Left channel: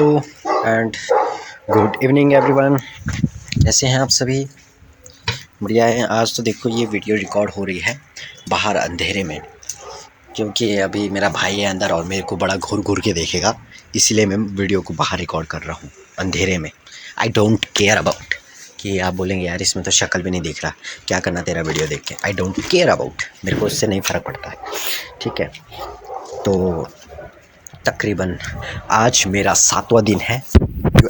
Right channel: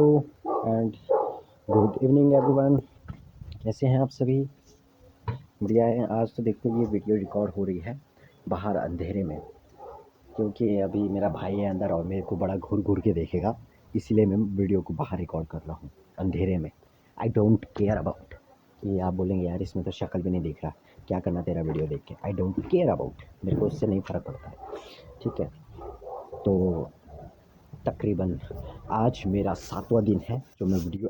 Hello and good evening everyone. कैसे हैं आप सभी? बढ़िया है। आज तो देखो ये वीडियो रिकॉर्ड हो रही है बाहर अंधेरे में, क्योंकि अभी मेरा भाई है अंदर और मेरे को बड़ा घूर घूर के देखेगा, इसीलिए मैं वीडियो को बाहर रिकॉर्ड कर रहा हूँ अंधेरे में। आई डोंट केयर अबाउट कि आप बोलेंगे यार इसमें तो शक्ल भी नहीं दिख रहा, क्या करना तेरा वीडियो देख के। आई डोंट केयर अबाउट, मेरे को इससे नहीं फ़र्क पड़ता है। ठीक है, तो तकरीबन आज मेरा 7वां दिन है। जो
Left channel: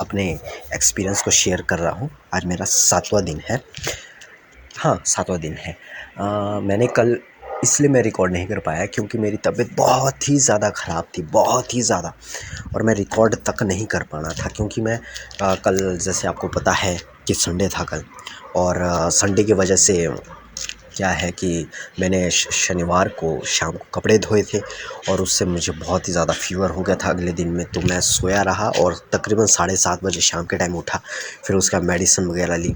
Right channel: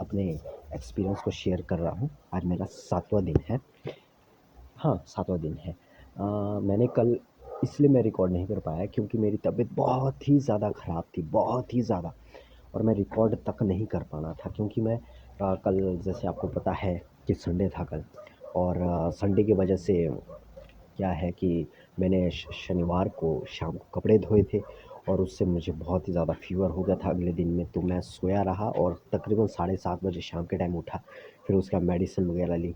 अपने एक्सपीरियंस को शेयर कर रहा हूँ। आज मेरा 7वां दिन है। हाँ, 7वां दिन है। मैंने कल इसलिए मैं रिकॉर्ड नहीं कर पाया क्योंकि मेरी तबीयत बहुत ही ज़्यादा ख़राब थी, बहुत ही ज़्यादा, और मैं रिकॉर्ड तक नहीं कर पाना था क्योंकि मैं कल, जैसे आपको पता है कि संडे था कल, और संडे की वजह से क्या है कि मैंने शनिवार को शाम को कपड़े धोए थे और उससे मुझे बहुत ही ज़्यादा फ़ीवर हो गया था अगले दिन में। तो मैं सोया रहा और तकरीबन 7:30 बजे शाम के टाइम उठा, फिर उसका मेडिसिन वगैरह ली।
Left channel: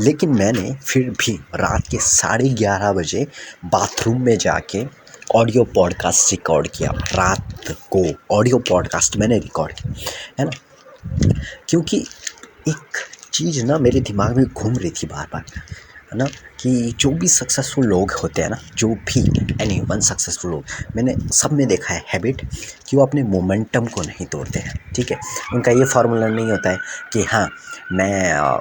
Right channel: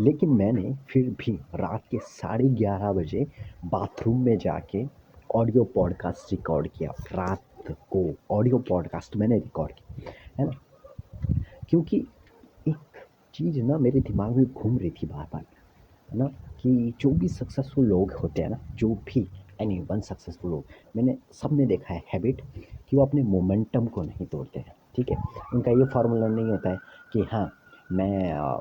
लेकिन मैंने फिर भी रात के 11:30 बजे बाथरूम में जाके ऑडियो पॉडकास्ट रिकॉर्ड किया। रात को ऑडियो पॉडकास्ट मैंने रिकॉर्ड किया, है ना, क्योंकि एक चीज़ ना मेरे दिमाग में घूम रही थी बार बार, है ना, कि जो भी सक्सेसफुल लोग होते हैं ना, जो भी एनी वन सक्सेसफुल लोग, मैंने सब में देखा है हैबिट कि वो अपने मोमेंटम को नहीं तोड़ते हैं। ठीक है, उनका ये फार्मूला नहीं होता है कि हाँ मैं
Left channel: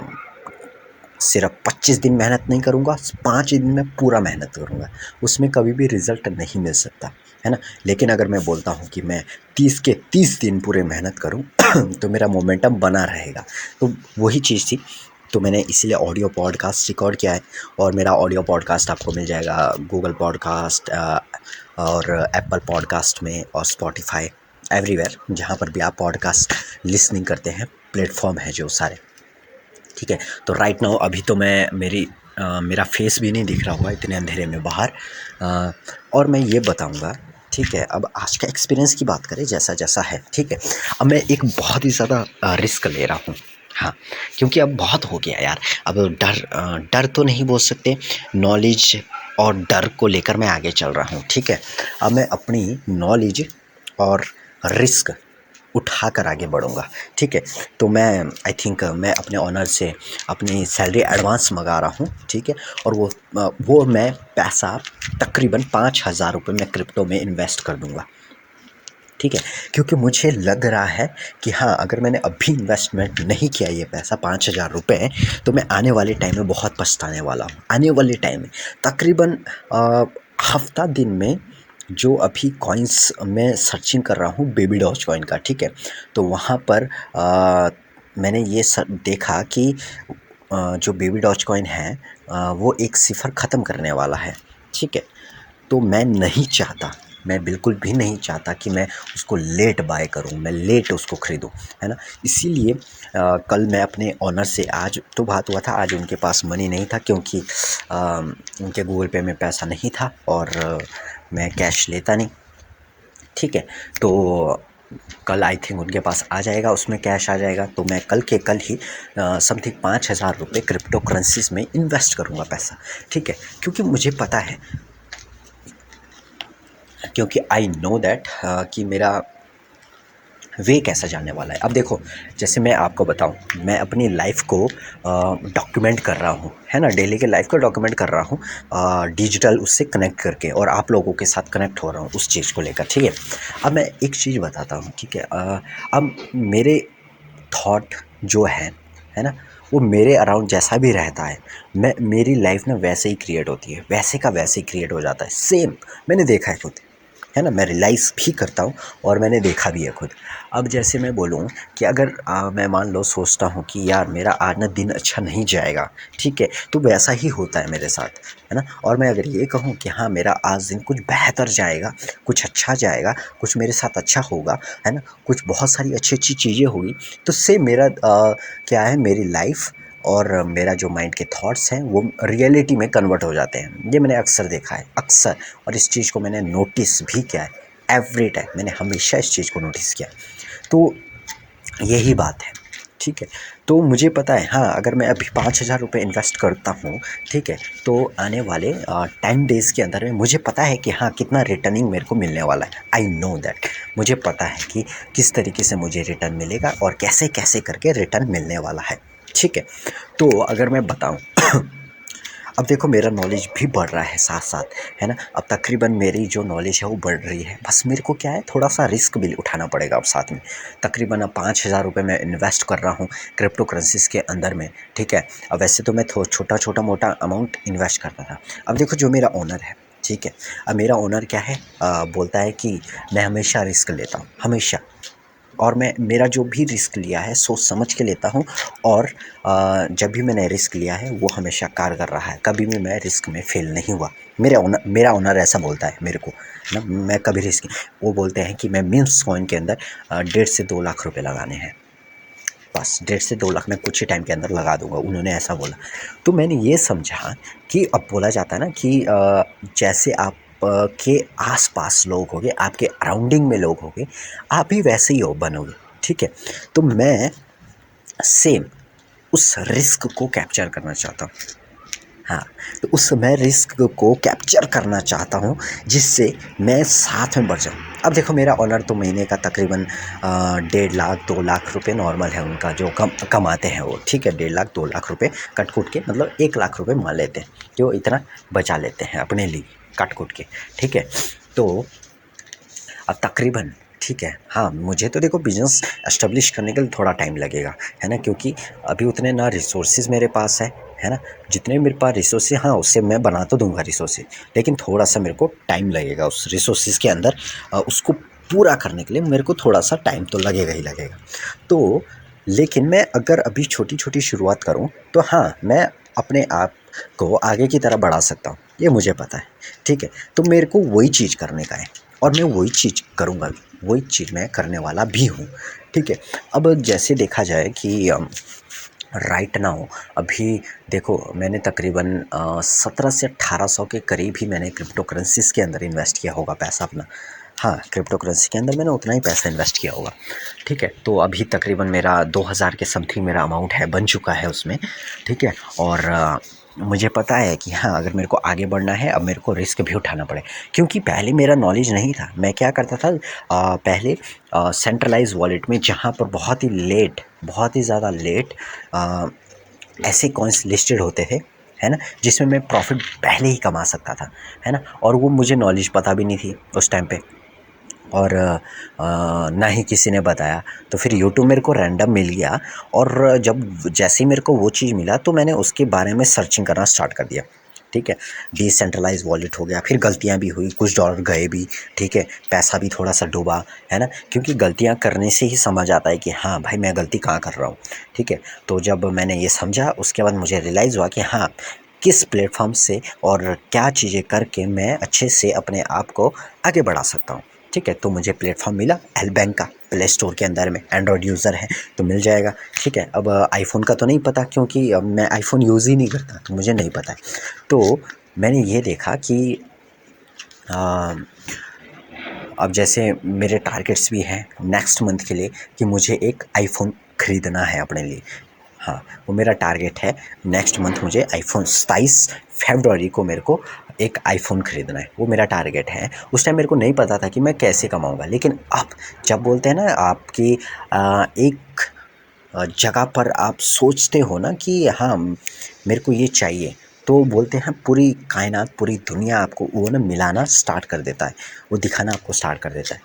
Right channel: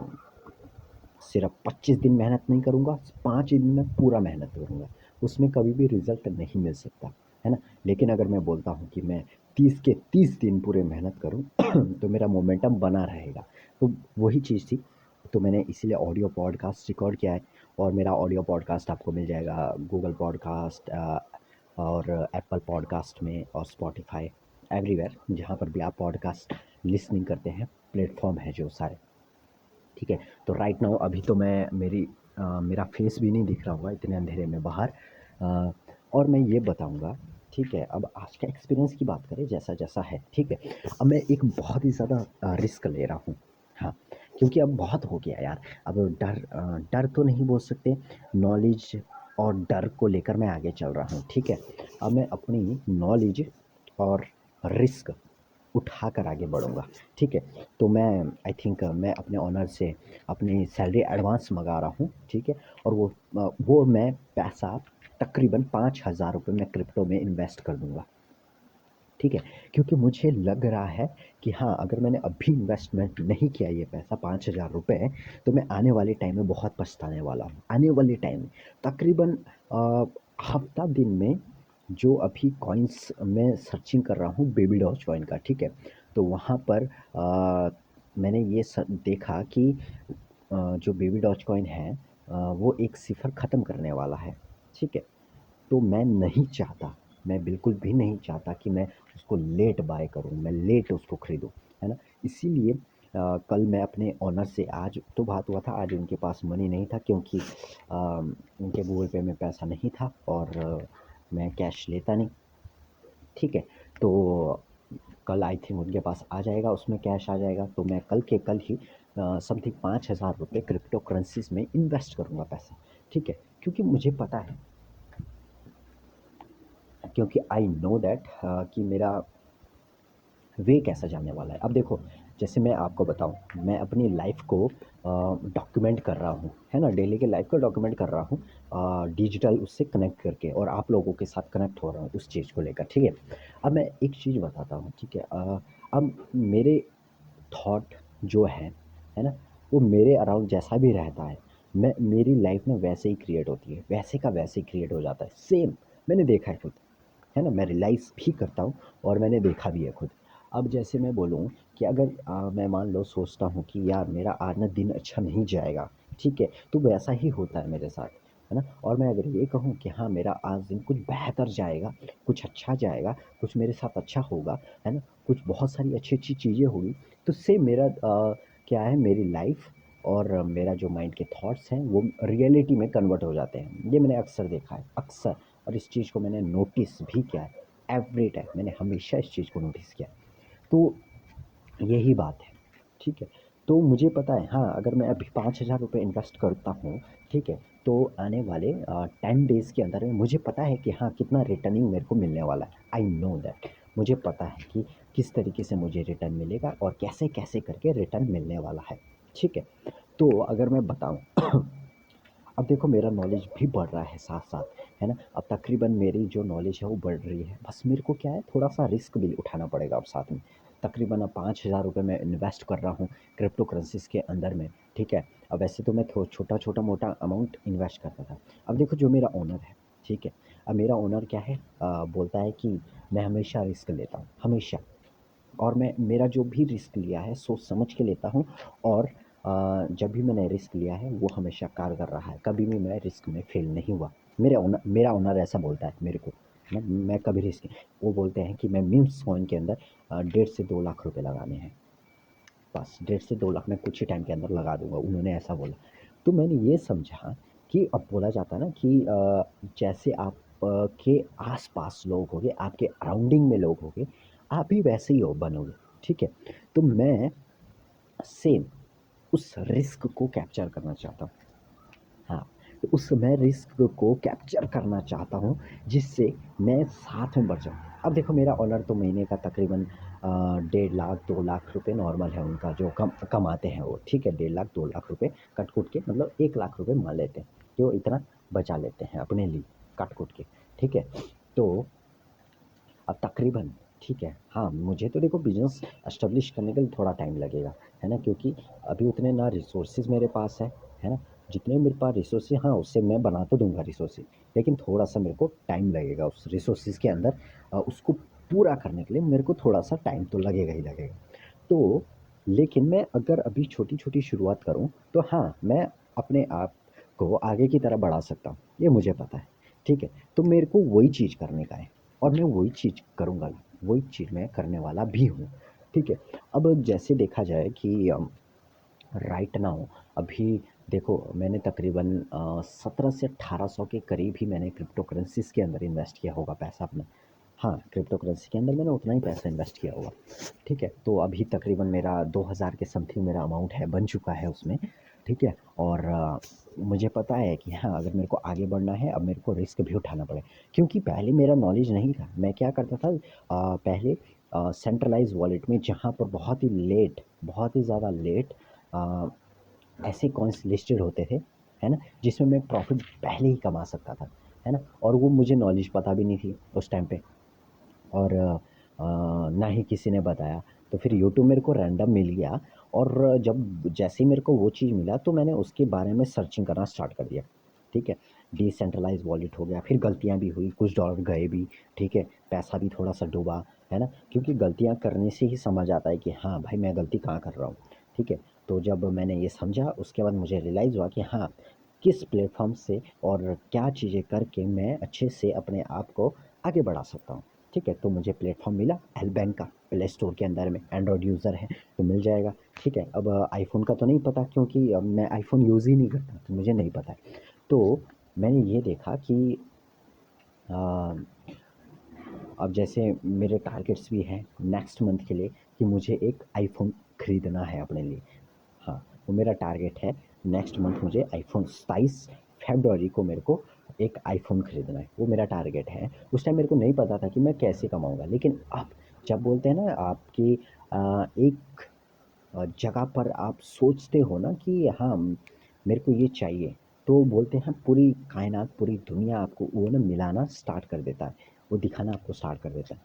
सिर्फ 25 दिन मेहनत नहीं करूँगा, 5 दिन में पूरा मेहनत करूँगा, उसमें कभी भी रिज़ल्ट नहीं मिल सकता, है ना। लेकिन अगर मैं बोलता हूँ कि मैं 30 के 30 दिन पूरे मेहनत करूँ तो मेरा मोमेंटम बना रहेगा। तो वही चीज़ थी। तो मैंने इसीलिए ऑडियो पॉडकास्ट रिकॉर्ड किया है, और मेरा ऑडियो पॉडकास्ट आपको मिल जाएगा गूगल पॉडकास्ट और एप्पल पॉडकास्ट में, और स्पॉटिफाई, एवरीवेयर जहाँ पर भी आप पॉडकास्ट लिसनिंग करते हैं, प्लेटफॉर्म है जो सारे। ठीक है, तो राइट नाउ अभी तो मेरा फेस भी नहीं दिख रहा हुआ इतने अंधेरे में बाहर। और मैं ये बताऊंगा, ठीक है, अब आज का एक्सपीरियंस की बात करें जैसा जैसा है। ठीक है, अब मैं एक बहुत ही ज़्यादा रिस्क ले रहा हूँ। हाँ, क्योंकि अब बहुत हो गया यार। अब डर तो नहीं बोल सकते, नॉलेज और डर को लेकर मैं आगे चल रहा हूँ। ठीक है, अब मैं अपनी नॉलेज और रिस्क उठाकर आगे बढ़ूँगा। ठीक है, तो मैं आई थिंक मैं अपने ओनर से अपनी सैलरी एडवांस मंगा रहा हूँ। ठीक है, और वो मैं पैसा तकरीबन 5,000 रुपये मैं क्रिप्टो में इन्वेस्ट कर दूँगा। ठीक है, क्योंकि मुझे लग रहा है कि हाँ, अगर मैंने अभी इन्वेस्टमेंट नहीं किया ये पैसा 5,000 रुपये, तो मैं आने वाले टाइम में बहुत पछताने वाला हूँ। आने वाले टाइम में तकरीबन हफ्ता दिन में जो अभी कॉइन्स मैं सर्चिंग कर रहा हूँ बेबी डॉज कॉइन का। ठीक है, तो वहाँ पर मैंने ये देखा कि जो बेबी डॉज कॉइन है वो एक सिफर ख़त्म करने वाला है। ठीक है, तो मैं नहीं चाहता, मैं बिल्कुल भी नहीं चाहता कि मैं उसको लेट बाय करूं, मैं लेट उसको ख़रीदूं, है ना। इसीलिए कल मैं अपने ओनर से, आज तो बात हुआ था, आज उनके पास मनी नहीं था क्योंकि उनके गूगल पे में पैसा नहीं था, और मैं कैश लेता नहीं। ठीक है, तो कल आई थिंक उनके पास आ जाएगा, उसमें कैश आ जाएगा, तो मैं कल के कल ही समथिंग 5,000 रुपये क्रिप्टो करेंसीज में इन्वेस्ट करूँगा पैसा। ठीक है, क्योंकि मुझे पता है, क्योंकि आई नो दैट कि मेरा वे कैसा जाने वाला है। अब देखो, जैसे मैं आपको बताऊं, मैं अपनी लाइफ को डॉक्यूमेंट कर रहा हूं, है ना, डेली के लाइफ को डॉक्यूमेंट कर रहा हूं डिजिटल उससे कनेक्ट करके, और आप लोगों के साथ कनेक्ट हो रहा हूं उस चीज़ को लेकर। ठीक है, अब मैं एक चीज़ बताता हूं। ठीक है, अब मेरे थॉट जो है ना, वो मेरे अराउंड जैसा भी रहता है, मेरी लाइफ ना वैसे ही क्रिएट होती है, वैसे का वैसे ही क्रिएट हो जाता है, सेम। मैंने देखा है खुद, है ना, मैं रियलाइज़ भी करता हूँ और मैंने देखा भी है खुद। अब जैसे मैं बोलूँ कि अगर मैं मान लो सोचता हूँ कि यार मेरा आज ना दिन अच्छा नहीं जाएगा, ठीक है, तो वैसा ही होता है मेरे साथ, है ना। और मैं अगर ये कहूँ कि हाँ मेरा आज दिन कुछ बेहतर जाएगा, कुछ अच्छा जाएगा, कुछ मेरे साथ अच्छा होगा, है ना, कुछ बहुत सारी अच्छी अच्छी चीज़ें होगी, तो सेम मेरा क्या है, मेरी लाइफ और मेरा जो माइंड के थॉट्स हैं वो रियलिटी में कन्वर्ट हो जाते हैं। ये मैंने अक्सर देखा है, अक्सर, और इस चीज़ को मैंने नोटिस भी किया है। एवरी टाइम मैंने हमेशा इस चीज़ को नोटिस किया है। तो यही बात है ठीक है। तो मुझे पता है हाँ, अगर मैं अभी 5,000 रुपये इन्वेस्ट करता हूँ, ठीक है, तो आने वाले 10 डेज़ के अंदर में मुझे पता है कि हाँ, कितना रिटर्निंग मेरे को मिलने वाला है। I know that. मुझे पता है कि किस तरीके से मुझे रिटर्न मिलेगा और कैसे-कैसे करके रिटर्न मिलने वाला है, ठीक है। तो अगर मैं बताऊँ अब देखो मेरा नॉलेज भी बढ़ रहा है साथ-साथ, है ना? अब तकरीबन मेरी जो नॉलेज है वो बढ़ रही है। बस मेरे को क्या है थोड़ा-सा रिस्क भी उठाना पड़ेगा अब साथ में। तकरीबन अब 5,000 रुपये मैं इन्वेस्ट कर रहा हूँ क्रिप्टो करेंसीज़ के अंदर में, ठीक है? अब वैसे तो मैं छोटा-छोटा मोटा अमाउंट इन्वेस्ट करता था। अब देखो जो मेरा ओनर है, ठीक है? अब मेरा ओनर क्या है बोलता है कि मैं हमेशा रिस्क लेता हूँ, हमेशा। और मैं मेरा जो भी रिस्क लिया है सोच समझ के लेता हूँ और जब भी मैंने रिस्क लिया है वो हमेशा कारगर रहा है, कभी भी मैं रिस्क में फ़ेल नहीं हुआ। मेरा ओनर ऐसा बोलता है मेरे को ना, मैं कभी रिस्क वो बोलते हैं कि मैं मीम्स कॉइन के अंदर 1.5 से 2 लाख रुपए लगाने हैं, बस 1.5 से 2 लाख मैं कुछ ही टाइम के अंदर लगा दूंगा, उन्होंने ऐसा बोला। तो मैंने ये समझा कि अब बोला जाता है ना कि जैसे आप के आस-पास लोग होंगे, आपके अराउंडिंग में लोग होंगे, आप भी वैसे ही हो बनोगे, ठीक है? तो मैं सेम उस रिस्क को कैप्चर करना चाहता हूँ। हाँ, तो उस मैं रिस्क को कैप्चर करना चाहता हूँ जिससे मैं साथ में बढ़ जाऊँ। अब देखो मेरा ओनर तो महीने का तकरीबन 1.5 लाख 2 लाख रुपए नॉर्मल है उनका जो कमाते हैं वो, ठीक है? 1.5 लाख 2 लाख रुपए कट-कुट के मतलब 1 लाख रुपए मान लेते हैं, जो इतना बचा लेते हैं अपने लिए कट-कुट के, ठीक है? तो अब तकरीबन ठीक है, हाँ, मुझे तो देखो बिज़नेस एस्टेब्लिश करने के लिए थोड़ा टाइम लगेगा, है ना? क्योंकि अभी उतने ना रिसोर्सेज़ मेरे पास है ना? जितने मेरे पास रिसोर्सेज़ हाँ, उससे मैं बना तो दूँगा रिसोर्सेज़, लेकिन थोड़ा-सा मेरे को टाइम लगेगा उस रिसोर्सेज़ के अंदर उसको पूरा करने के लिए मेरे को थोड़ा-सा टाइम तो लगेगा ही लगेगा। तो लेकिन मैं अगर अभी छोटी-छोटी शुरुआत करूँ, तो हाँ, मैं अपने आप को आगे की तरफ बढ़ा सकता हूँ, ये मुझे पता है, ठीक है? तो मेरे को वही चीज़ करने का है और मैं वही चीज़ करूँगा भी, वही चीज़ मैं करने वाला भी हूँ, ठीक है? अब जैसे देखा जाए कि राइट नाउ अभी देखो मैंने तकरीबन 17 से 1800 के करीब ही मैंने क्रिप्टो करेंसीज़ के अंदर इन्वेस्ट किया होगा पैसा अपना। हाँ, क्रिप्टो करेंसी के अंदर मैंने उतना ही पैसा इन्वेस्ट किया होगा, ठीक है? तो अभी तकरीबन मेरा 2000 के समथिंग मेरा अमाउंट है, बन चुका है उसमें, ठीक है? और मुझे पता है कि हाँ, अगर मेरे को आगे बढ़ना है, अब मेरे को रिस्क भी उठाना पड़े क्योंकि पहले मेरा नॉलेज नहीं था। मैं क्या करता था पहले सेंट्रलाइज़ वॉलेट में जहाँ पर बहुत ही ज़्यादा लेट ऐसे कॉइन्स लिस्टेड होते थे, है ना? जिसमें मैं प्रॉफ़िट पहले ही कमा सकता था, है ना? और वो मुझे नॉलेज पता भी नहीं थी उस टाइम पे और ना ही किसी ने बताया। तो फिर यूट्यूब मेरे को रैंडम मिल गया और जब जैसे ही मेरे को वो चीज़ मिला तो मैंने उसके बारे में सर्चिंग करना स्टार्ट कर दिया, ठीक है? डिसेंट्रलाइज़ वॉलेट हो गया, फिर गलतियाँ भी हुई, कुछ डॉलर गए भी, ठीक है? पैसा भी थोड़ा-सा डूबा, है ना? क्योंकि गलतियाँ करने से ही समझ आता है कि हाँ, भाई मैं गलती कहाँ कर रहा हूँ, ठीक है? तो जब मैंने ये समझा उसके बाद मुझे रियलाइज़ हुआ कि हाँ, किस प्लेटफ़ॉर्म से और क्या चीज़ें करके मैं अच्छे से अपने आप को आगे बढ़ा सकता हूँ, ठीक है? तो मुझे प्लेटफ़ॉर्म मिला एल बैंक का, प्ले स्टोर के अंदर में एंड्रॉयड यूज़र है तो मिल जाएगा, ठीक है? अब आईफ़ोन का तो नहीं पता क्योंकि मैं आईफ़ोन यूज़ ही नहीं करता तो मुझे नहीं पता है। तो मैंने ये देखा कि अ, अब जैसे मेरे टारगेट्स भी हैं नेक्स्ट मंथ के लिए कि मुझे एक आईफ़ोन ख़रीदना है अपने लिए। हाँ, वो मेरा टारगेट है नेक्स्ट मंथ मुझे आईफ़ोन 27 फ़रवरी को मेरे को एक आईफ़ोन ख़रीदना है, वो मेरा टारगेट है। उस टाइम मेरे को नहीं पता था कि मैं कैसे कमाऊँगा, लेकिन अब जब बोलते हैं ना आपकी एक जगह पर आप सोचते हो ना कि हाँ, मेरे को ये चाहिए, तो बोलते हैं पूरी कायनात, पूरी दुनिया आपको वो ना मिलाना स्टार्ट कर देता है, वो दिखाना आपको स्टार्ट कर देता है।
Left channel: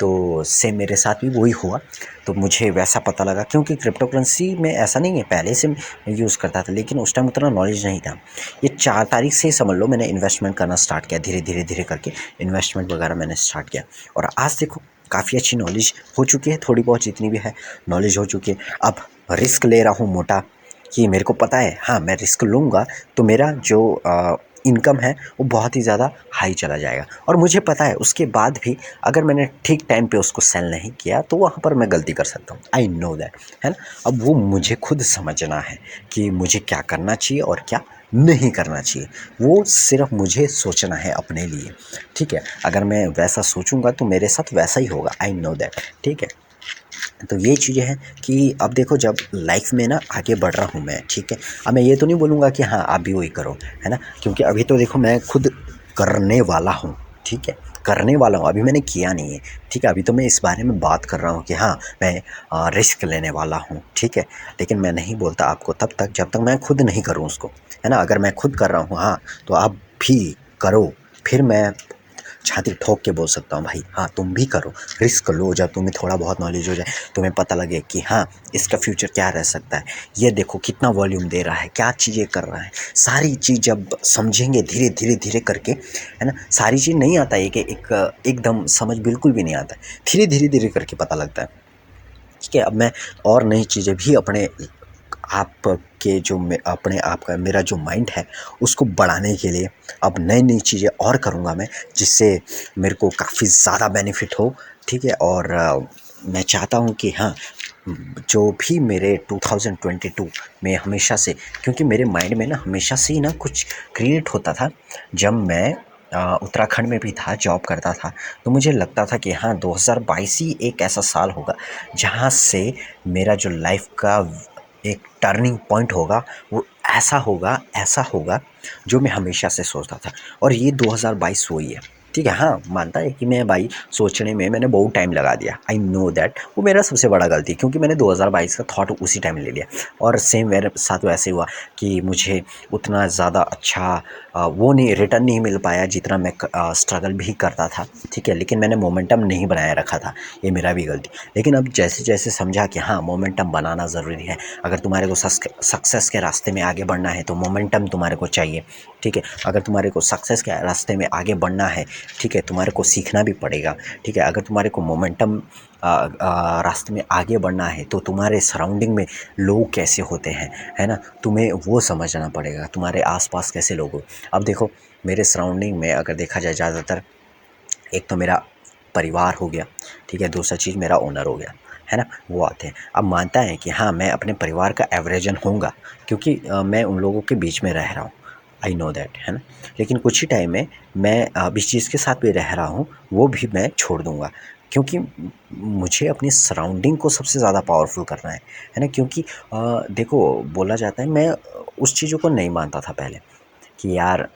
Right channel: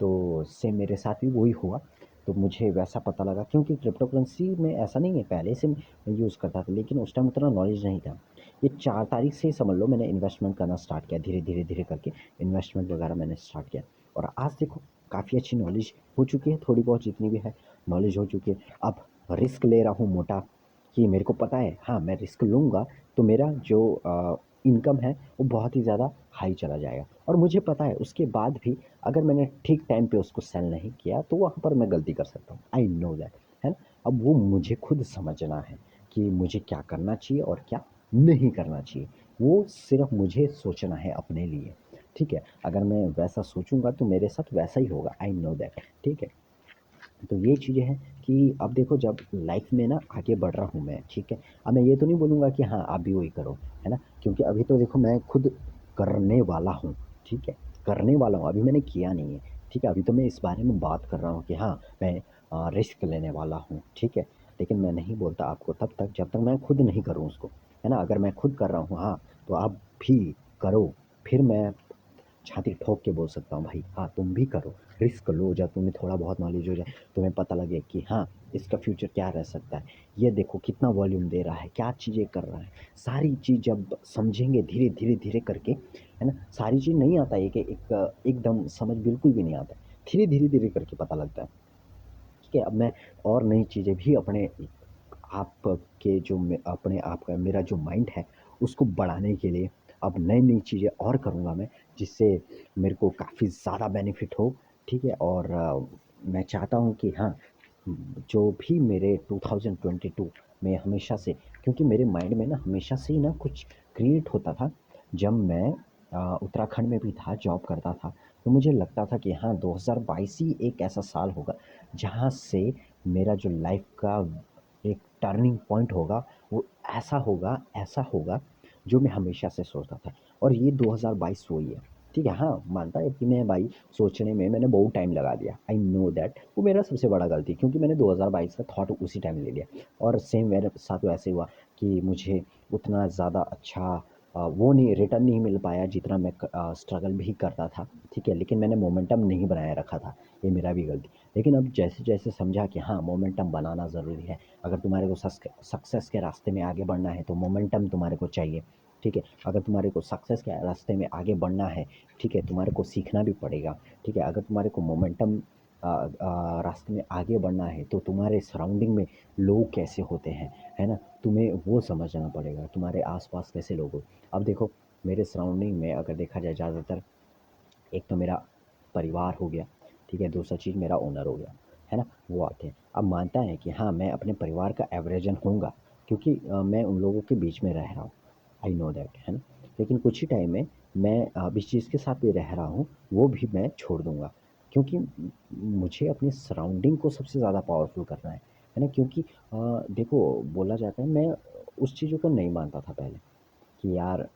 तो सेम मेरे साथ भी वही हुआ, तो मुझे वैसा पता लगा क्योंकि क्रिप्टो करेंसी में ऐसा नहीं है, पहले से मैं यूज़ करता था लेकिन उस टाइम उतना नॉलेज नहीं था। ये 4 तारीख से ही समझ लो मैंने इन्वेस्टमेंट करना स्टार्ट किया, धीरे-धीरे करके इन्वेस्टमेंट वगैरह मैंने स्टार्ट किया और आज देखो काफ़ी अच्छी नॉलेज हो चुकी है, थोड़ी बहुत जितनी भी है नॉलेज हो चुकी है। अब रिस्क ले रहा हूँ मोटा कि मेरे को पता है हाँ, मैं रिस्क लूँगा तो मेरा जो इनकम है वो बहुत ही ज़्यादा हाई चला जाएगा और मुझे पता है उसके बाद भी अगर मैंने ठीक टाइम पे उसको सेल नहीं किया तो वहाँ पर मैं गलती कर सकता हूँ। आई नो दैट, है ना? अब वो मुझे खुद समझना है कि मुझे क्या करना चाहिए और क्या नहीं करना चाहिए। वो सिर्फ़ मुझे सोचना है अपने लिए, ठीक है? अगर मैं वैसा सोचूँगा तो मेरे साथ वैसा ही होगा। आई नो दैट, ठीक है? तो ये चीज़ें हैं कि अब देखो जब लाइफ में ना आगे बढ़ रहा हूँ मैं, ठीक है। अब मैं ये तो नहीं बोलूँगा कि हाँ आप भी वही करो, है ना, क्योंकि अभी तो देखो मैं खुद करने वाला हूँ, ठीक है, करने वाला हूँ, अभी मैंने किया नहीं है, ठीक है। अभी तो मैं इस बारे में बात कर रहा हूँ कि हाँ मैं रिस्क लेने वाला हूँ, ठीक है। लेकिन मैं नहीं बोलता आपको तब तक जब तक मैं खुद नहीं करूँ उसको, है ना। अगर मैं खुद कर रहा हूँ हाँ तो आप भी करो, फिर मैं छाती ठोक के बोल सकता हूँ भाई हाँ तुम भी करो, रिस्क लो। जब तुम्हें थोड़ा बहुत नॉलेज हो जाए, तुम्हें पता लगे कि हाँ इसका फ्यूचर क्या रह सकता है, ये देखो कितना वॉल्यूम दे रहा है, क्या चीज़ें कर रहा है, सारी चीज़ जब समझेंगे धीरे धीरे धीरे करके, है ना। सारी चीज़ नहीं आता है कि एकदम समझ बिल्कुल भी नहीं आता है, धीरे धीरे धीरे करके पता लगता है, ठीक है। अब मैं और नई चीज़ें भी अपने आप के जो अपने आप का मेरा जो माइंड है उसको बढ़ाने के लिए अब नई नई चीज़ें और करूँगा मैं, जिससे मेरे को काफ़ी ज़्यादा बेनिफिट हो, ठीक है। और मैं चाहता हूँ कि हाँ जो भी मेरे 2022 में हमेशा से, क्योंकि मेरे माइंड में ना हमेशा से ही ना कुछ क्रिएट होता था। जब मैं उत्तराखंड में भी था, जॉब करता था, तो मुझे लगता था कि हाँ 2022 ही एक ऐसा साल होगा जहाँ से मेरा जो लाइफ का एक टर्निंग पॉइंट होगा, वो ऐसा होगा जो मैं हमेशा से सोचता था। और ये 2022 वही है, ठीक है। हाँ मानता है कि मैं भाई सोचने में मैंने बहुत टाइम लगा दिया, आई नो दैट, वो मेरा सबसे बड़ा गलती है, क्योंकि मैंने 2022 का थॉट उसी टाइम ले लिया। और सेम मेरे साथ वैसे हुआ कि मुझे उतना ज़्यादा अच्छा वो नहीं रिटर्न नहीं मिल पाया जितना मैं स्ट्रगल भी करता था, ठीक है। लेकिन मैंने मोमेंटम नहीं बनाए रखा था, ये मेरा भी गलती। लेकिन अब जैसे जैसे समझा कि हाँ मोमेंटम बनाना ज़रूरी है, अगर तुम्हारे को सक्सेस के रास्ते में आगे बढ़ना है तो मोमेंटम तुम्हारे को चाहिए, ठीक है। अगर तुम्हारे को सक्सेस के रास्ते में आगे बढ़ना है, ठीक है, तुम्हारे को सीखना भी पड़ेगा, ठीक है। अगर तुम्हारे को मोमेंटम रास्ते में आगे बढ़ना है तो तुम्हारे सराउंडिंग में लोग कैसे होते हैं, है ना, तुम्हें वो समझना पड़ेगा, तुम्हारे आसपास कैसे लोग हो। अब देखो मेरे सराउंडिंग में अगर देखा जाए ज़्यादातर, एक तो मेरा परिवार हो गया, ठीक है, दूसरा चीज़ मेरा ओनर हो गया, है ना, वो आते हैं। अब मानता है कि हाँ मैं अपने परिवार का एवरेजन होऊंगा, क्योंकि मैं उन लोगों के बीच में रह रहा हूँ, आई नो दैट, है ना। लेकिन कुछ ही टाइम में मैं जिस चीज़ के साथ भी रह रहा हूँ वो भी मैं छोड़ दूँगा, क्योंकि मुझे अपनी सराउंडिंग को सबसे ज़्यादा पावरफुल करना है ना। क्योंकि देखो बोला जाता है, मैं उस चीज़ों को नहीं मानता था पहले कि यार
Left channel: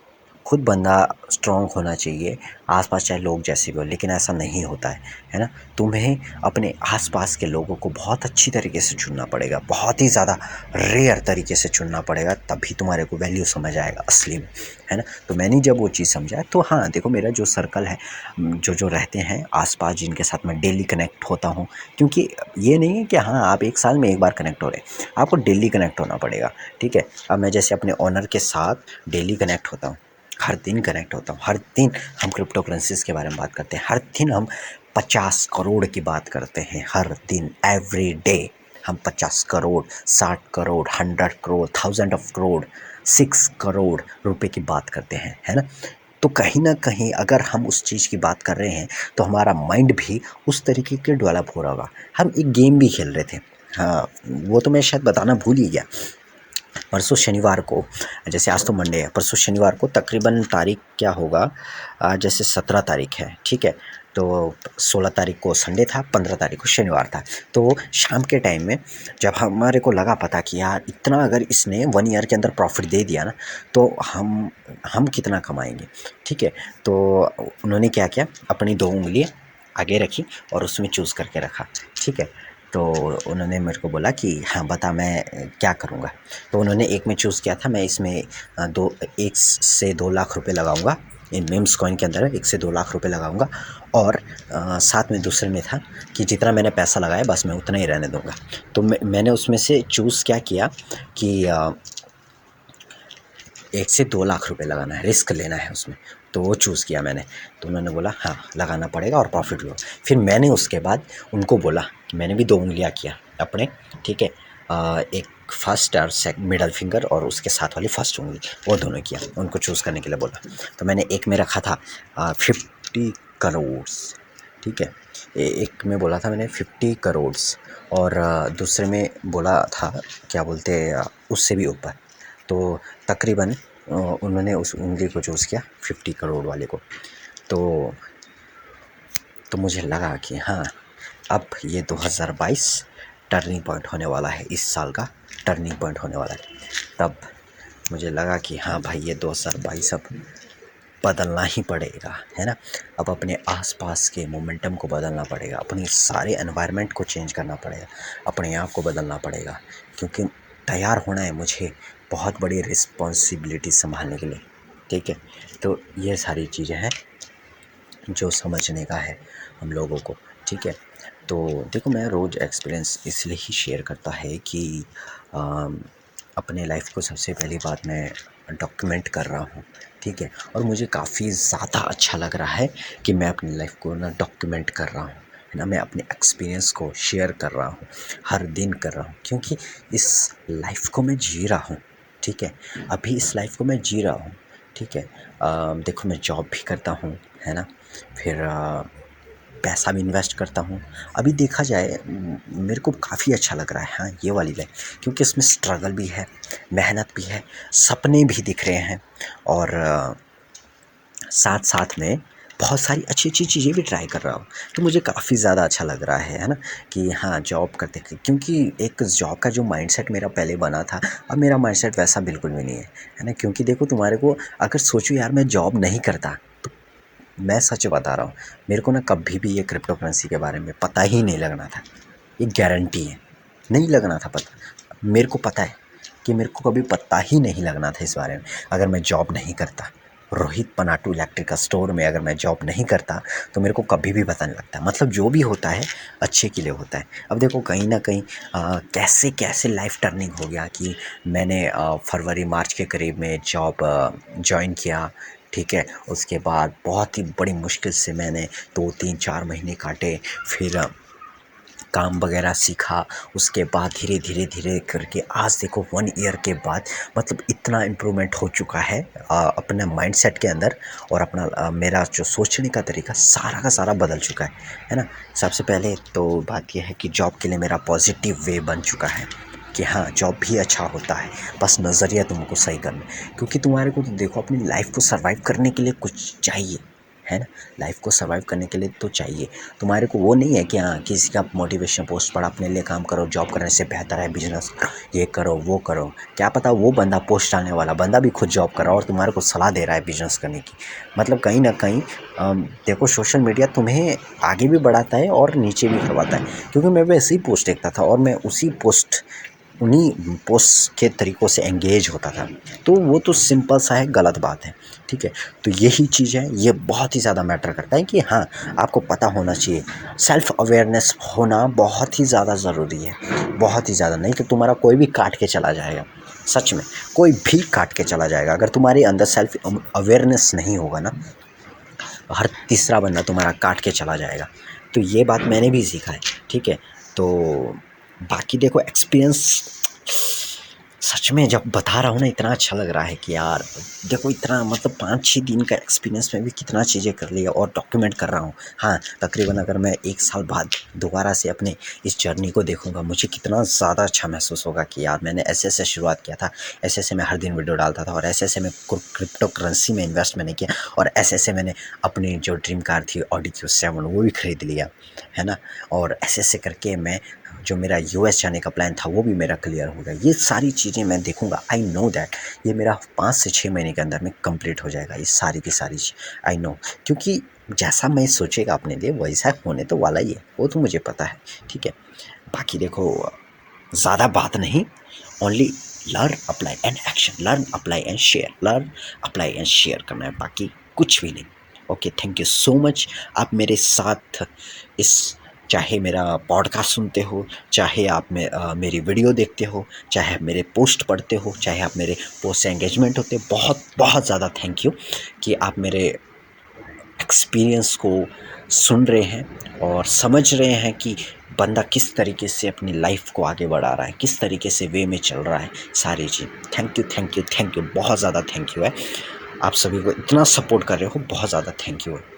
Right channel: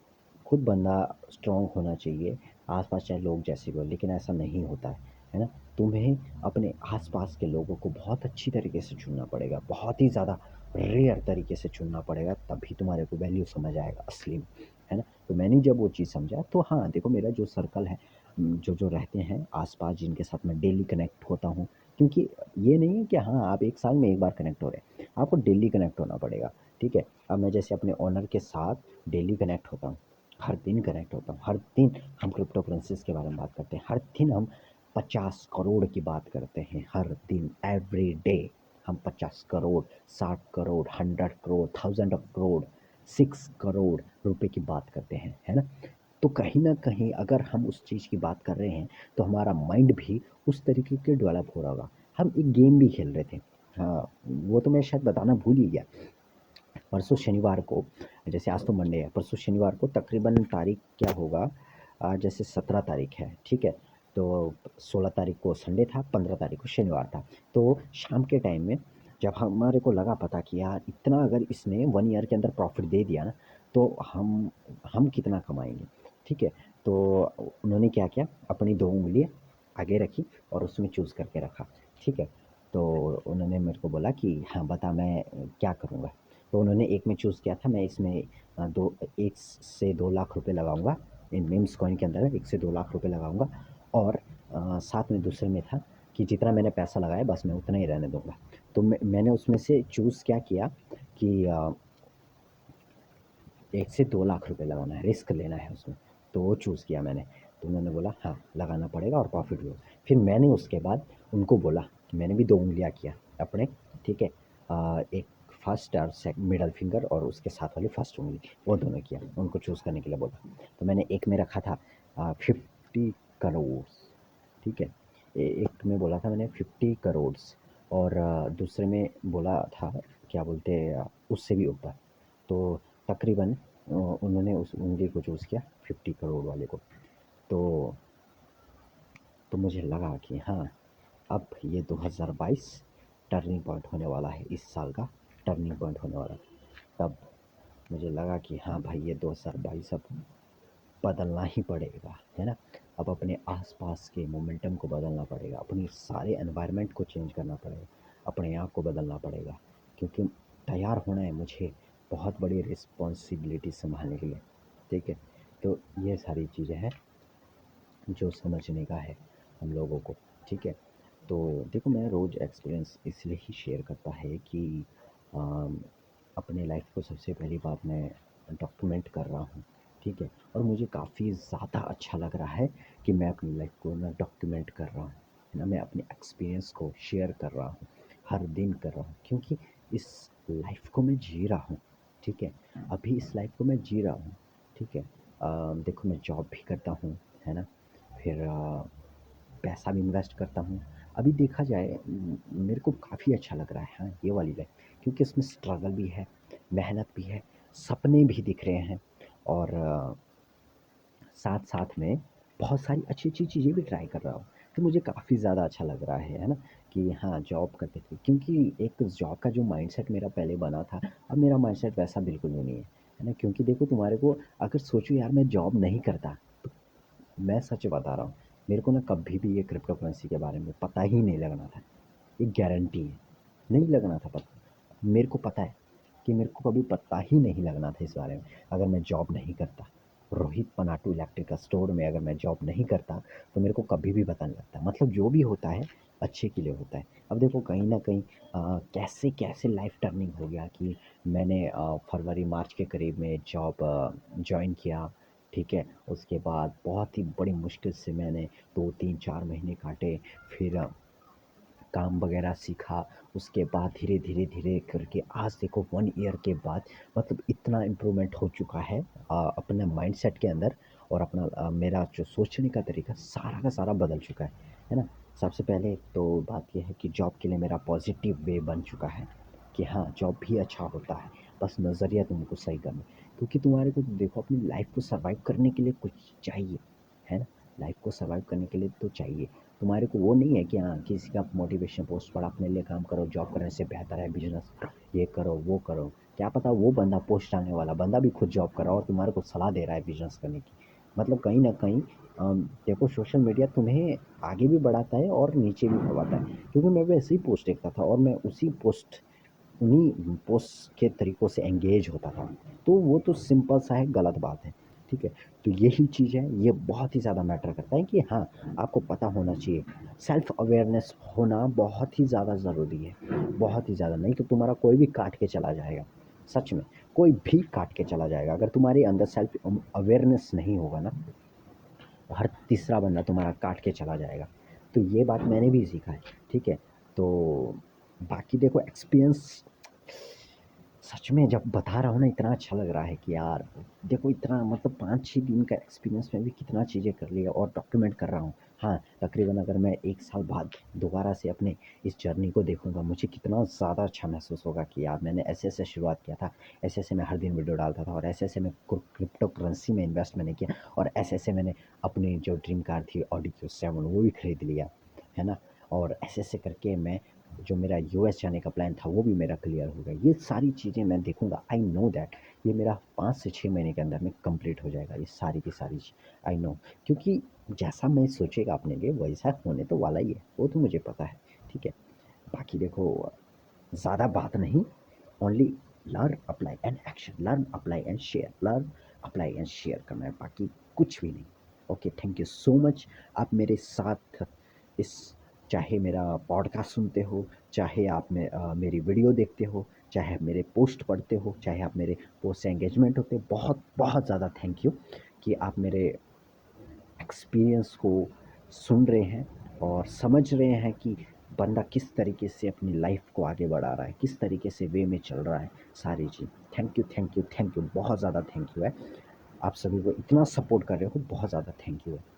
खुद बंदा स्ट्रॉन्ग होना चाहिए, आस-पास चाहे लोग जैसे भी हों, लेकिन ऐसा नहीं होता है ना? तुम्हें अपने आस-पास के लोगों को बहुत अच्छी तरीके से चुनना पड़ेगा, बहुत ही ज़्यादा रेयर तरीके से चुनना पड़ेगा, तभी तुम्हारे को वैल्यू समझ आएगा असली में, है ना? तो मैंने जब वो चीज़ समझा तो हाँ, देखो मेरा जो सर्कल है, जो रहते हैं आस-पास जिनके साथ मैं डेली कनेक्ट होता हूँ, क्योंकि ये नहीं है कि हाँ, आप 1 साल में 1 बार कनेक्ट हो रहे हैं, आपको डेली कनेक्ट होना पड़ेगा, ठीक है? अब मैं जैसे अपने ओनर के साथ डेली कनेक्ट होता हूँ, हर दिन कनेक्ट होता हूँ, हर दिन हम क्रिप्टो करेंसीज़ के बारे में बात करते हैं, हर दिन हम 50 करोड़ की बात करते हैं, हर दिन एवरी डे हम 50 करोड़, 60 करोड़, 100 करोड़, थाउजेंड ऑफ करोड़, 6 करोड़ रुपए की बात करते हैं, है ना। तो कहीं न कहीं अगर हम उस चीज़ की बात कर रहे हैं तो हमारा माइंड भी उस तरीके के डेवलप हो रहा होगा। हम एक गेम भी खेल रहे थे, हाँ, वो तो मैं शायद बताना भूल ही गया। परसों शनिवार को, जैसे आज तो मंडे है, परसों शनिवार को तकरीबन तारीख क्या होगा, जैसे 17 तारीख है, ठीक है। तो 16 तारीख को संडे था, 15 तारीख को शनिवार था। तो शाम के टाइम में जब हमारे को लगा पता कि यार इतना अगर इसने 1 ईयर के अंदर प्रॉफ़िट दे दिया ना, तो हम कितना कमाएँगे, ठीक है। तो उन्होंने क्या किया, अपनी 2 उँगलियाँ आगे रखी और उसमें चूज़ करके रखा, ठीक है। तो उन्होंने मेरे को बोला कि हाँ बता मैं क्या करूँगा। तो उन्होंने एक में चूज़ किया था, मैं इसमें 1 से 2 लाख रुपए लगाऊंगा, इन मीम्स कॉइन के अंदर 1 से 2 लाख रुपए लगाऊंगा। और साथ में दूसरे में था कि जितना मैंने पैसा लगाया बस मैं उतना ही रहने दूंगा। तो मैंने उसमें से चूज़ क्या किया कि 1 से 2 लाख रुपए लगाना है, रिस्क लेना है उसमें, तो वो चूज़ किया मैंने। तो उन्होंने बोला हाँ लगाना पड़ेगा और प्रॉफिट लो। फिर मैंने उसके बाद उनको बोला कि मैंने भी 2 उँगलियाँ किया अपने, ठीक है। एक फर्स्ट और मिडल फिंगर और उसके साथ वाली फर्स्ट उँगली, वो दोनों किया, उनको चूज़ करने के लिए बोला। तो मैंने एक में रखा था 50 करोड़, ठीक है। एक में बोला था मैंने 50 करोड़, और दूसरे में बोला था क्या बोलते उससे भी ऊपर। तो तकरीबन उन्होंने उस उँगली को चूज़ किया 50 करोड़ वाले को। तो मुझे लगा कि हाँ अब ये 2022 टर्निंग पॉइंट होने वाला है, इस साल का टर्निंग पॉइंट होने वाला है। तब मुझे लगा कि हाँ भाई, ये 2022 अब बदलना ही पड़ेगा, है ना। अब अपने आसपास के मोमेंटम को बदलना पड़ेगा, अपनी सारे एनवायरनमेंट को चेंज करना पड़ेगा, अपने आप को बदलना पड़ेगा, क्योंकि तैयार होना है मुझे बहुत बड़ी रिस्पॉन्सिबिलिटी संभालने के लिए, ठीक है। तो ये सारी चीज़ें हैं जो समझने का है हम लोगों को, ठीक है। तो देखो, मैं रोज़ एक्सपीरियंस इसलिए ही शेयर करता है कि अपने लाइफ को सबसे पहली बात मैं डॉक्यूमेंट कर रहा हूँ, ठीक है। और मुझे काफ़ी ज़्यादा अच्छा लग रहा है कि मैं अपनी लाइफ को ना डॉक्यूमेंट कर रहा हूँ, है ना। मैं अपने एक्सपीरियंस को शेयर कर रहा हूँ, हर दिन कर रहा हूँ, क्योंकि इस लाइफ को मैं जी रहा हूँ, ठीक है। अभी इस लाइफ को मैं जी रहा हूँ, ठीक है। देखो, मैं जॉब भी करता हूँ, है ना। फिर पैसा भी इन्वेस्ट करता हूँ। अभी देखा जाए मेरे को काफ़ी अच्छा लग रहा है, हाँ, ये वाली लाइफ, क्योंकि इसमें स्ट्रगल भी है, मेहनत भी है, सपने भी दिख रहे हैं, और साथ साथ में बहुत सारी अच्छी अच्छी चीज़ें भी ट्राई कर रहा हूँ। तो मुझे काफ़ी ज़्यादा अच्छा लग रहा है ना, कि हाँ, जॉब करते, क्योंकि एक जॉब का जो माइंडसेट मेरा पहले बना था, अब मेरा माइंडसेट वैसा बिल्कुल भी नहीं है ना। क्योंकि देखो, तुम्हारे को अगर सोचो यार, मैं जॉब नहीं करता, तो मैं सच बता रहा हूँ, मेरे को ना कभी भी ये क्रिप्टो करेंसी के बारे में पता ही नहीं लगना था। ये गारंटी है, नहीं लगना था पता। मेरे को पता है कि मेरे को कभी पता ही नहीं लगना था इस बारे में, अगर मैं जॉब नहीं करता। रोहित पनाटू इलेक्ट्रिकल स्टोर में अगर मैं जॉब नहीं करता, तो मेरे को कभी भी पता नहीं लगता। मतलब जो भी होता है अच्छे के लिए होता है। अब देखो, कहीं ना कहीं कैसे कैसे लाइफ टर्निंग हो गया कि मैंने फरवरी मार्च के करीब में जॉब ज्वाइन किया, ठीक है। उसके बाद बहुत ही बड़ी मुश्किल से मैंने 2 3 4 महीने काटे, फिर काम वगैरह सीखा। उसके बाद धीरे धीरे धीरे करके आज देखो 1 ईयर के बाद, मतलब इतना इम्प्रूवमेंट हो चुका है अपने माइंडसेट के अंदर, और अपना मेरा जो सोचने का तरीका सारा का सारा बदल चुका है ना। सबसे पहले तो बात यह है कि जॉब के लिए मेरा पॉजिटिव वे बन चुका है, कि हाँ, जॉब भी अच्छा होता है, बस नज़रिया तुमको सही करना। क्योंकि तुम्हारे को तो देखो, अपनी लाइफ को सर्वाइव करने के लिए कुछ चाहिए, है ना। लाइफ को सर्वाइव करने के लिए तो चाहिए। तुम्हारे को वो नहीं है कि हाँ, किसी का मोटिवेशन पोस्ट पढ़ा, अपने लिए काम करो, जॉब करने से बेहतर है बिजनेस, ये करो वो करो। क्या पता वो बंदा, पोस्ट डालने वाला बंदा भी खुद जॉब कर रहा है और तुम्हारे को सलाह दे रहा है बिजनेस करने की। मतलब कहीं ना कहीं देखो, सोशल मीडिया तुम्हें आगे भी बढ़ाता है और नीचे भी करवाता है। क्योंकि मैं वैसे ही पोस्ट देखता था, और मैं उसी पोस्ट, उन्हीं पोस्ट के तरीक़ों से एंगेज होता था। तो वो तो सिंपल सा है, गलत बात है, ठीक है। तो यही चीज़ है, ये बहुत ही ज़्यादा मैटर करता है कि हाँ, आपको पता होना चाहिए। सेल्फ अवेयरनेस होना बहुत ही ज़्यादा ज़रूरी है, बहुत ही ज़्यादा। नहीं तो तुम्हारा कोई भी काट के चला जाएगा, सच में कोई भी काट के चला जाएगा। अगर तुम्हारे अंदर सेल्फ अवेयरनेस नहीं होगा ना, हर तीसरा बंदा तुम्हारा काट के चला जाएगा। तो ये बात मैंने भी सीखा है, ठीक है। तो बाकी देखो, एक्सपीरियंस सच में जब बता रहा हूँ ना, इतना अच्छा लग रहा है कि यार देखो, इतना मतलब 5 6 दिन का एक्सपीरियंस में भी कितना चीज़ें कर लिया और डॉक्यूमेंट कर रहा हूँ। हाँ, तकरीबन अगर मैं 1 साल बाद दोबारा से अपने इस जर्नी को देखूँगा, मुझे कितना ज़्यादा अच्छा महसूस होगा कि यार, मैंने ऐसे ऐसे शुरुआत किया था, ऐसे ऐसे मैं हर दिन वीडियो डालता था, और ऐसे ऐसे मैं क्रिप्टो करेंसी में इन्वेस्ट मैंने किया, और ऐसे ऐसे मैंने अपनी जो ड्रीम कार थी ऑडी Q7 वो भी ख़रीद लिया, है ना। और ऐसे ऐसे करके मैं, जो मेरा US जाने का प्लान था वो भी मेरा क्लियर हो गया। ये सारी चीज़ें मैं देखूँगा, आई नो दैट ये मेरा 5 से 6 महीने के अंदर में कंप्लीट हो जाएगा, ये सारी की सारी चीज़, आई नो। क्योंकि जैसा मैं सोचेगा अपने लिए, वैसा होने तो वाला ही है, वो तो मुझे पता है, ठीक है। बाकी देखो, ज़्यादा बात नहीं, only learn apply and action, learn apply and share, learn apply and share करना है, बाकी कुछ भी नहीं। Okay, thank you so much. आप मेरे साथ इस, चाहे मेरा पॉडकास्ट सुनते हो, चाहे आप मेरी वीडियो देखते हो, चाहे आप मेरे पोस्ट पढ़ते हो, चाहे आप मेरे पोस्ट से एंगेजमेंट होते हो, बहुत बहुत ज़्यादा थैंक यू कि आप मेरे एक्सपीरियंस को सुन रहे हैं और समझ रहे हैं कि बंदा किस तरीके से अपनी लाइफ को आगे बढ़ा रहा है, किस तरीके से वे में चल रहा है, सारी चीज़। Thank you thank you thank you, बहुत ज़्यादा थैंक यू है। आप सभी को इतना सपोर्ट कर रहे हो, बहुत ज़्यादा थैंक यू है।